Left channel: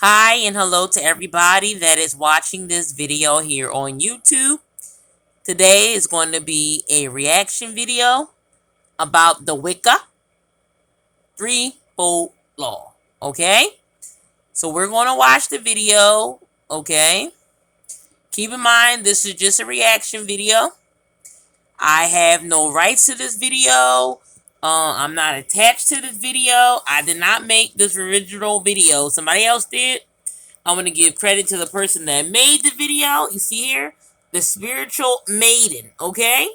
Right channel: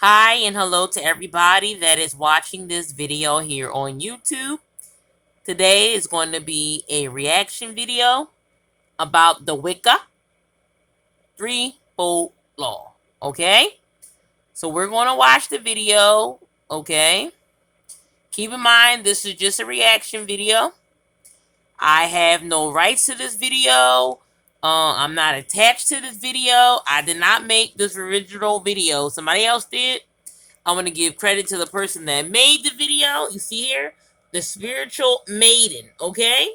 Hi and hello to everybody that is watching this video here on YouTube. Today is going to be a reaction video about the Wicca threefold law. Okay? So we're going to watch the video. Okay? Keep in mind, this is just a reaction video. I have no rights to this video. I'm not attached to this video. I did not make this original video. Somebody else did. I want to give credit to the person that made the video. You see here, the spiritual Maiden, okay?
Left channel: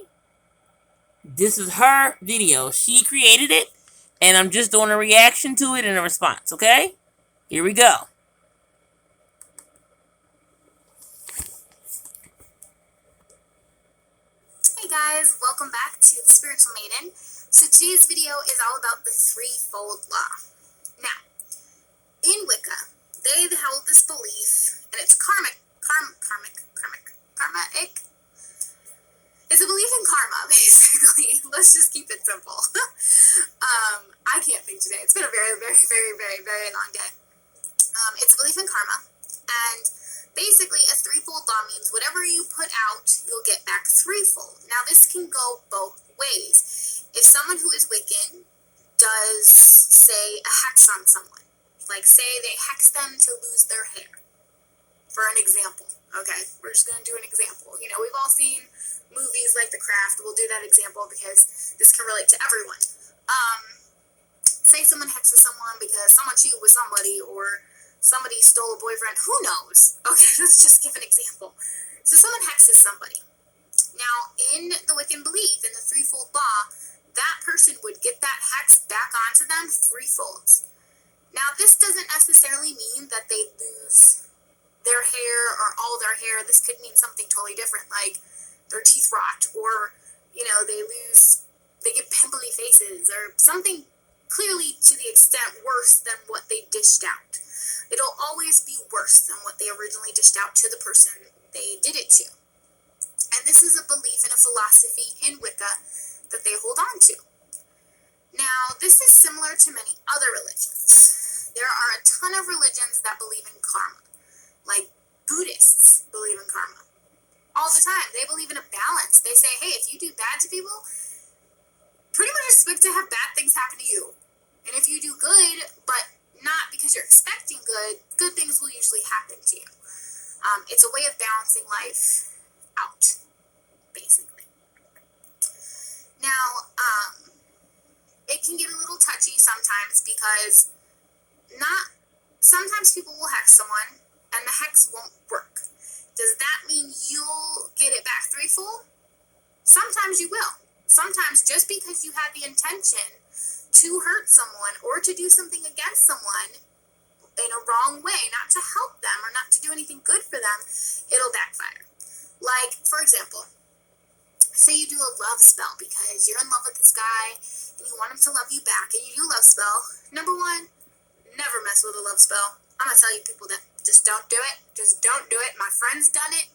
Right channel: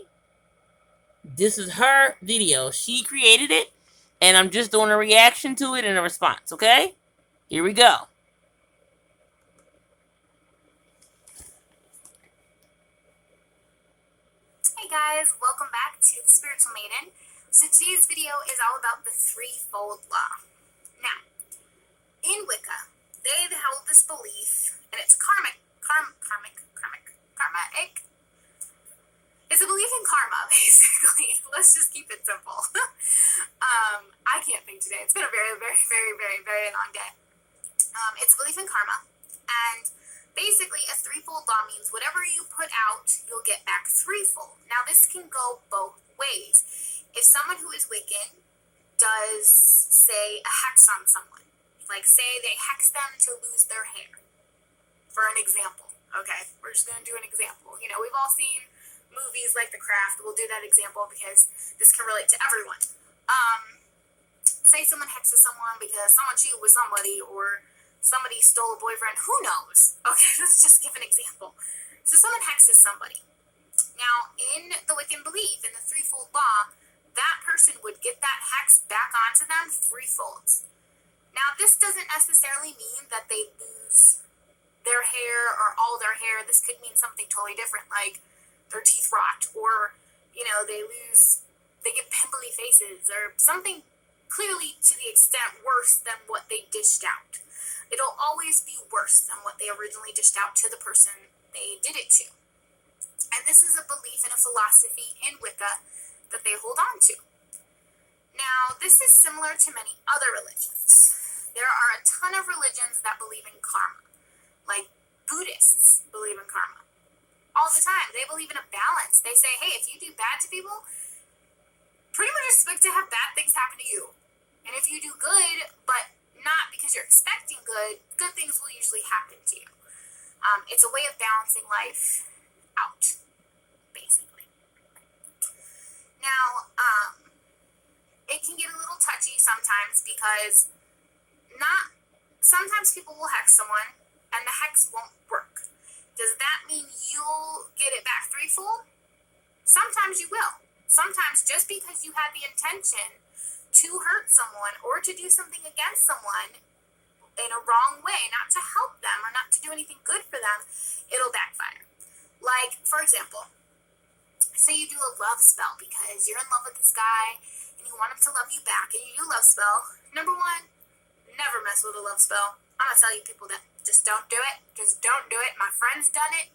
This is her video. She created it, and I'm just doing a reaction to it and a response, okay? Here we go. Hey guys, welcome back to the Spiritual Maiden. So today's video is all about the threefold law. Now, in Wicca, they held this belief, and it's karmic. It's a belief in karma, basically. Let's just keep it simple. I can't think today. It's been a very, very, very, very, very long day. It's a belief in karma, and basically a threefold law means whatever you put out, you'll get back threefold. Now, this can go both ways. If someone who is Wiccan does, say, a hex on someone, like say they hex them to lose their hair, for an example, okay? We're just going to do an example. You know, we've all seen movies like The Craft. We'll do that example because this can relate to everyone. Say someone hexes someone because someone cheated with somebody, or somebody stole a boyfriend. Who knows? Okay, let's just give an example. So someone hexes somebody. Now, in the Wiccan belief, in the threefold law, that person would get that hex back onto them threefold. Now, this doesn't necessarily mean that they lose their hair or all their hair. This could mean something totally different, like their teeth rot, or, you know, they get pimply faces, or something clearly to the extent worse than what they dished out. It'll always be worse than what they originally dished out to the person they did it to. And this is a belief and a philosophy in Wicca that they hold on to. Now, this is similar to many other religions. There are a ton of religions that believe in karma. Like Buddhists believe in karma all the time. They believe in a balance. They say, hey, if you do bad to people, pretty much expect to have bad things happen to you. And if you do good, but not because you're expecting good things will usually happen to you. It's a way of balancing life out, basically. Now, it can get a little touchy sometimes because sometimes people will hex someone and the hex won't work. Does that mean you'll get it back threefold? Sometimes you will. Sometimes just because you had the intention to hurt someone or to do something against someone in a wrong way, not to help them or not to do anything good for them, it'll backfire. Like, for example, say you do a love spell because you're in love with this guy and you want him to love you back, and you do a love spell. Number one, never mess with a love spell. I'm going to tell you people that just don't do it. Just don't do it. My friend's done it.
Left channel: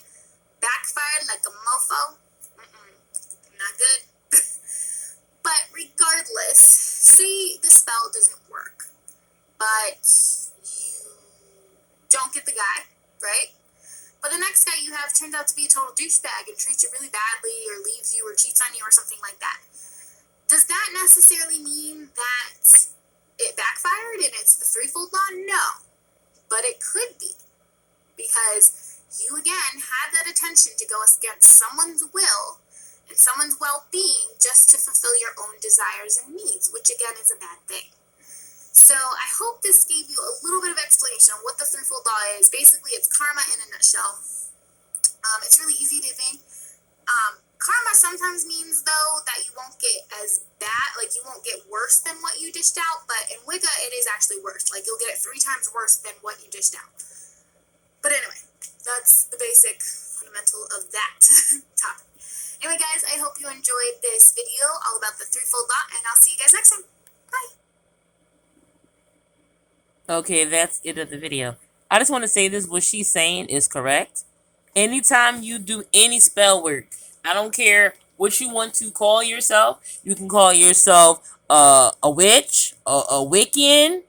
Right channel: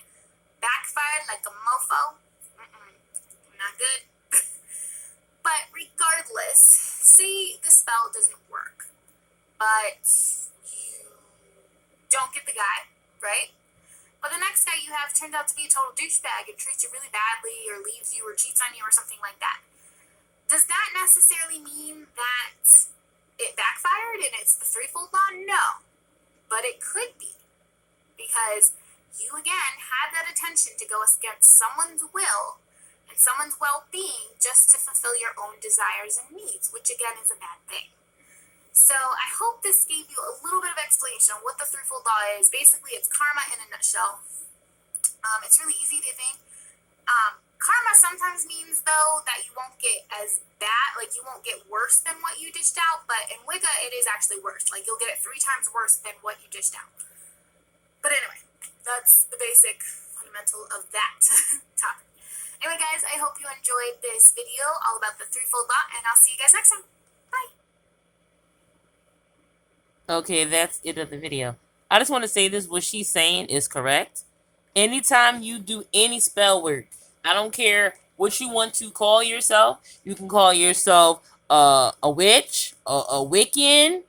Backfired like a mofo. Not good. But regardless, say the spell doesn't work, but you don't get the guy, right? But the next guy you have turns out to be a total douchebag and treats you really badly, or leaves you, or cheats on you, or something like that. Does that necessarily mean that it backfired and it's the threefold law? No. But it could be. Because you, again, had that intention to go against someone's will and someone's well-being just to fulfill your own desires and needs, which again is a bad thing. So I hope this gave you a little bit of explanation on what the threefold law is. Basically, it's karma in a nutshell. It's really easy to think. Karma sometimes means, though, that you won't get as bad, like you won't get worse than what you dished out, but in Wicca, it is actually worse. Like, you'll get it 3 times worse than what you dished out. But anyway, that's the basic fundamental of that topic. Anyway, guys, I hope you enjoyed this video all about the threefold law, and I'll see you guys next time. Bye. Okay, that's it of the video. I just want to say this, what she's saying is correct. Anytime you do any spell work, I don't care what you want to call yourself. You can call yourself a witch, a Wiccan,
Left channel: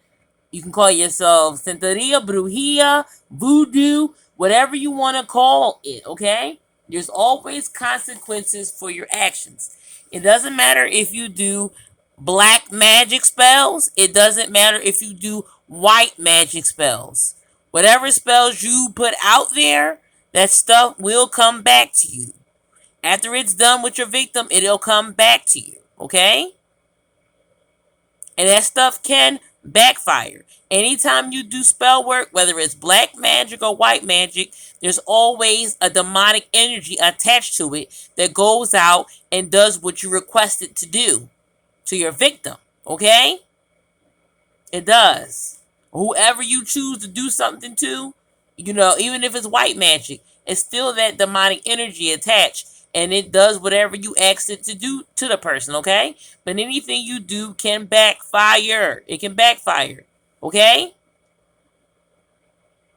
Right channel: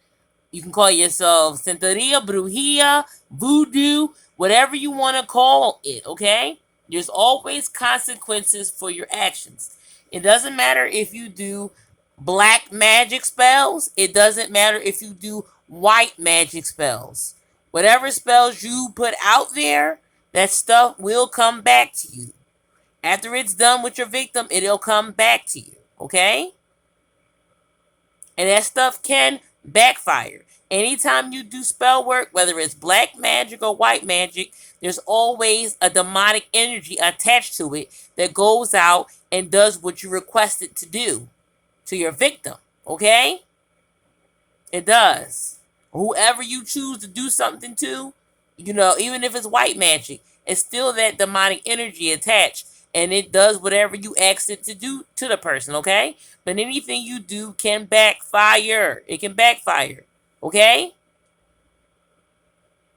You can call yourself Santeria, Brujia, Voodoo, whatever you want to call it, okay? There's always consequences for your actions. It doesn't matter if you do black magic spells. It doesn't matter if you do white magic spells. Whatever spells you put out there, that stuff will come back to you. After it's done with your victim, it'll come back to you, okay? And that stuff can backfire. Anytime you do spell work, whether it's black magic or white magic, there's always a demonic energy attached to it that goes out and does what you request it to do to your victim. Okay? It does. Whoever you choose to do something to, even if it's white magic, it's still that demonic energy attached. And it does whatever you ask it to do to the person, okay? But anything you do can backfire. It can backfire, okay?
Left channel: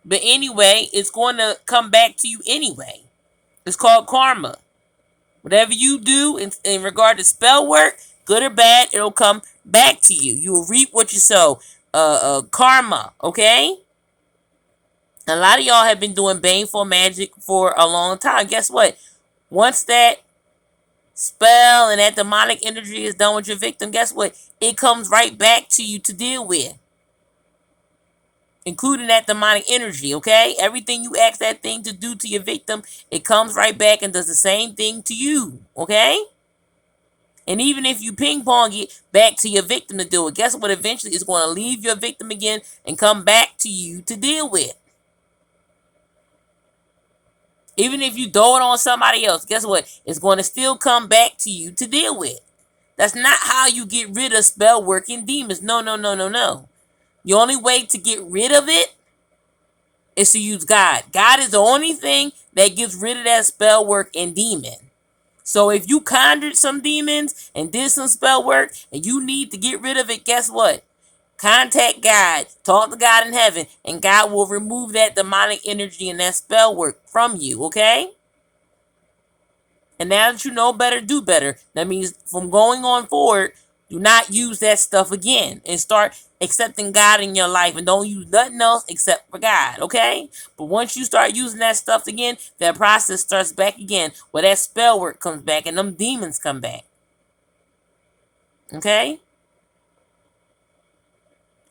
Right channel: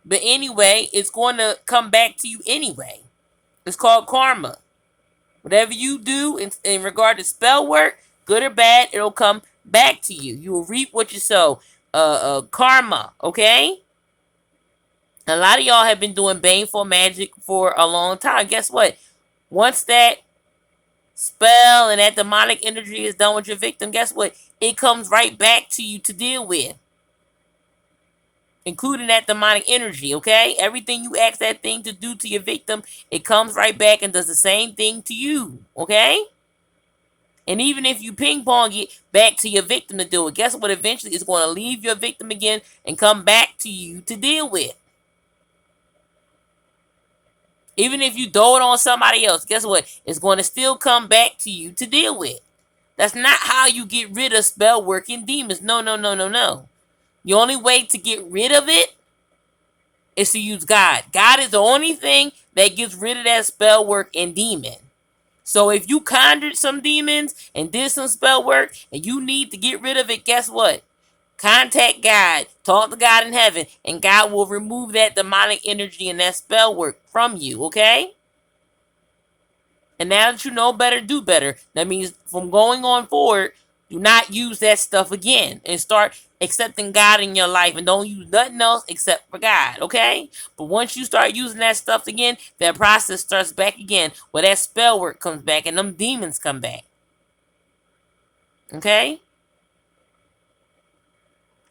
But anyway, it's going to come back to you anyway. It's called karma. Whatever you do in regard to spell work, good or bad, it'll come back to you. You will reap what you sow. Karma, okay? A lot of y'all have been doing baneful magic for a long time. Guess what? Once that spell and that demonic energy is done with your victim, guess what? It comes right back to you to deal with. Including that demonic energy, okay? Everything you ask that thing to do to your victim, it comes right back and does the same thing to you, okay? And even if you ping pong it back to your victim to do it, guess what? Eventually it's going to leave your victim again and come back to you to deal with. Even if you throw it on somebody else, guess what? It's going to still come back to you to deal with. That's not how you get rid of spell working demons. No, no, no, no, no. The only way to get rid of it is to use God. God is the only thing that gets rid of that spell work and demon. So if you conjured some demons and did some spell work and you need to get rid of it, guess what? Contact God, talk to God in heaven, and God will remove that demonic energy and that spell work from you, okay? And now that you know better, do better. That means from going on forward, do not use that stuff again and start accepting God in your life and don't use nothing else except for God, okay? But once you start using that stuff again, that process starts back again where that spell work comes back and them demons come back, okay?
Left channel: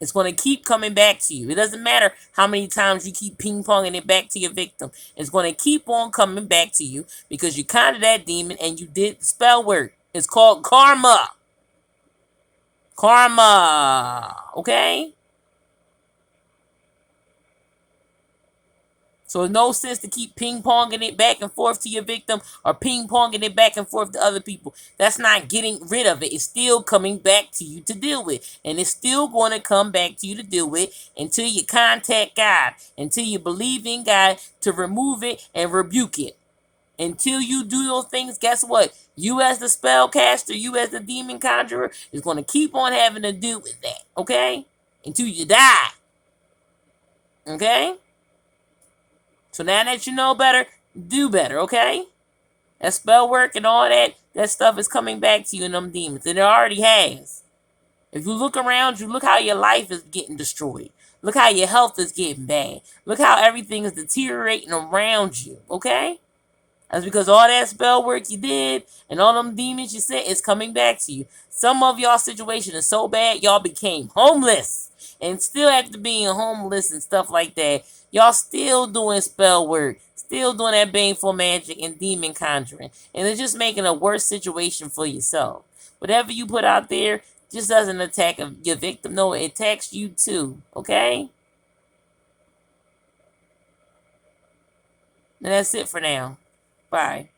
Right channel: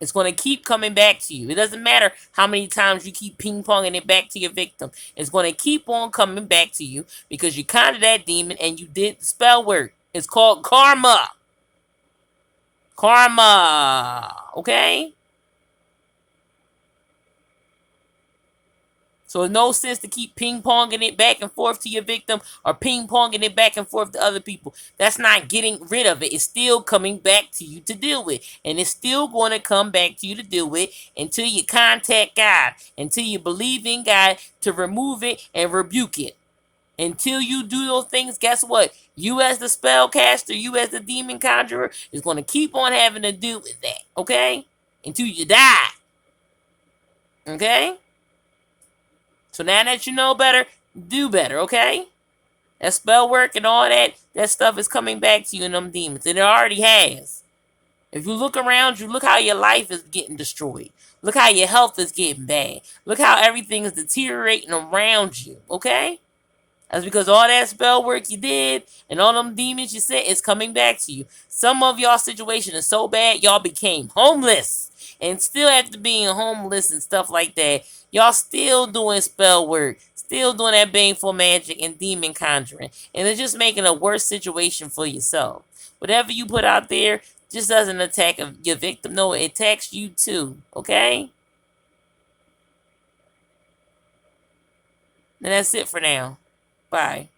It's going to keep coming back to you. It doesn't matter how many times you keep ping-ponging it back to your victim. It's going to keep on coming back to you because you conjured that demon and you did the spell work. It's called karma. Karma. Okay? So there's no sense to keep ping-ponging it back and forth to your victim or ping-ponging it back and forth to other people. That's not getting rid of it. It's still coming back to you to deal with. And it's still going to come back to you to deal with until you contact God. Until you believe in God to remove it and rebuke it. Until you do those things, guess what? You as the spellcaster, you as the demon conjurer, is going to keep on having to deal with that. Okay? Until you die. Okay? So now that you know better, do better, okay? That spell work and all that stuff is coming back to you in them demons. And it already has. If you look around you, look how your life is getting destroyed. Look how your health is getting bad. Look how everything is deteriorating around you, okay? That's because all that spell work you did and all them demons you sent is coming back to you. Some of y'all situation is so bad, y'all became homeless. And still after being homeless and stuff like that, y'all still doing spell work. Still doing that baneful magic and demon conjuring. And it's just making a worse situation for yourself. Whatever you put out there just doesn't attack your victim. No, it attacks you too. Okay? And that's it for now. Bye.